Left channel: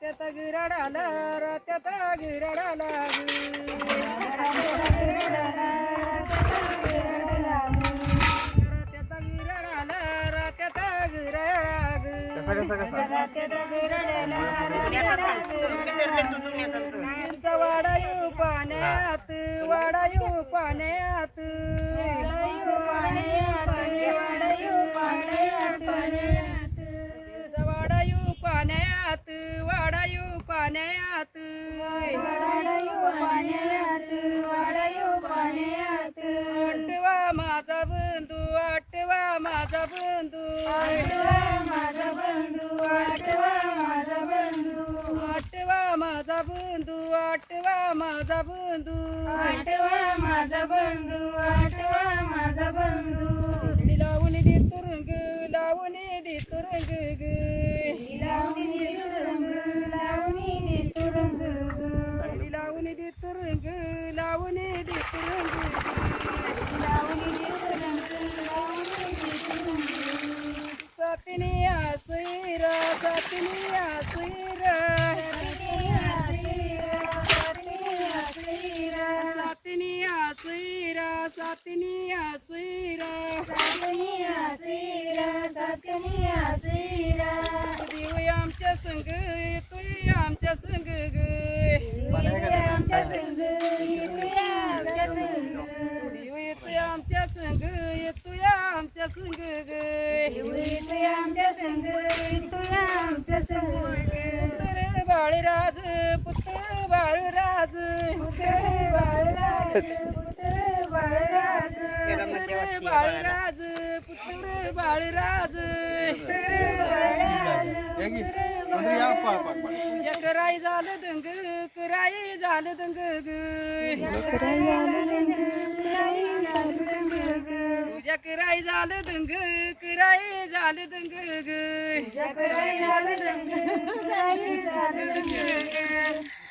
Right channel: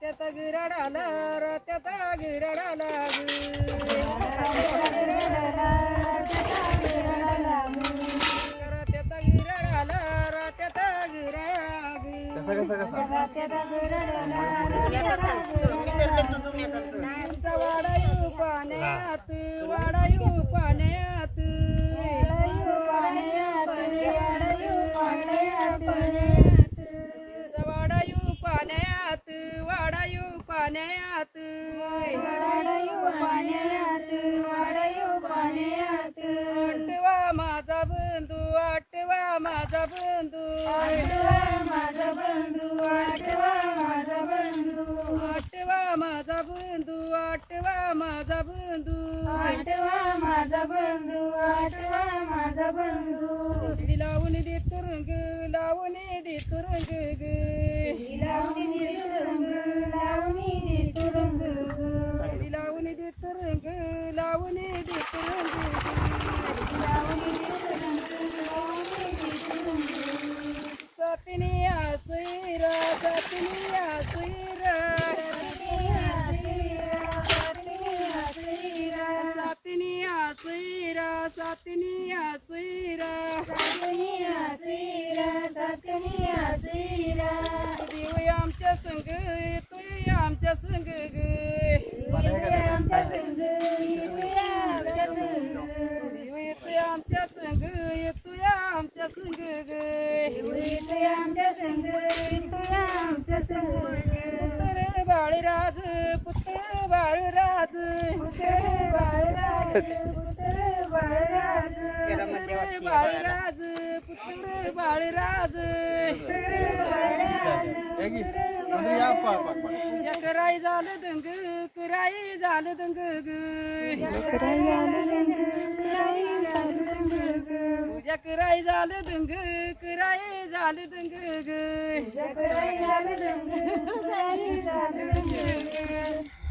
त्यात गिराडाला त्यात गिराडाला त्यात गिराडाला त्यात गिराडाग वाडायू पाण्यात वाडायू पाण्यात. पाण्यात आठवा माझा बंधू आठवा माझा बंधू. आठवा माझा बंधू आठवा माझा बंधू. आठवा माझा बंधू आठवा माझा बंधू लावून दे तुरुंग लावून दे तुरुंग लावणे सतनी आसुरा सतनी आसुरा सतनी आसुरा सतनी आसुरा सतनी आसुरा सतनी आसुरा देव आमच्या संग तू आमच्या संग ग. बाळराज पुत्र बाळराज बाळराज पुत्र बाळराज कराई झालं दंग कराई झालं दंग कराई झालं दंग कराई झालं दंग तुझ्या कराई झालं दंग कराई झालं दंग कराई झालं दंग कराई झालं दंग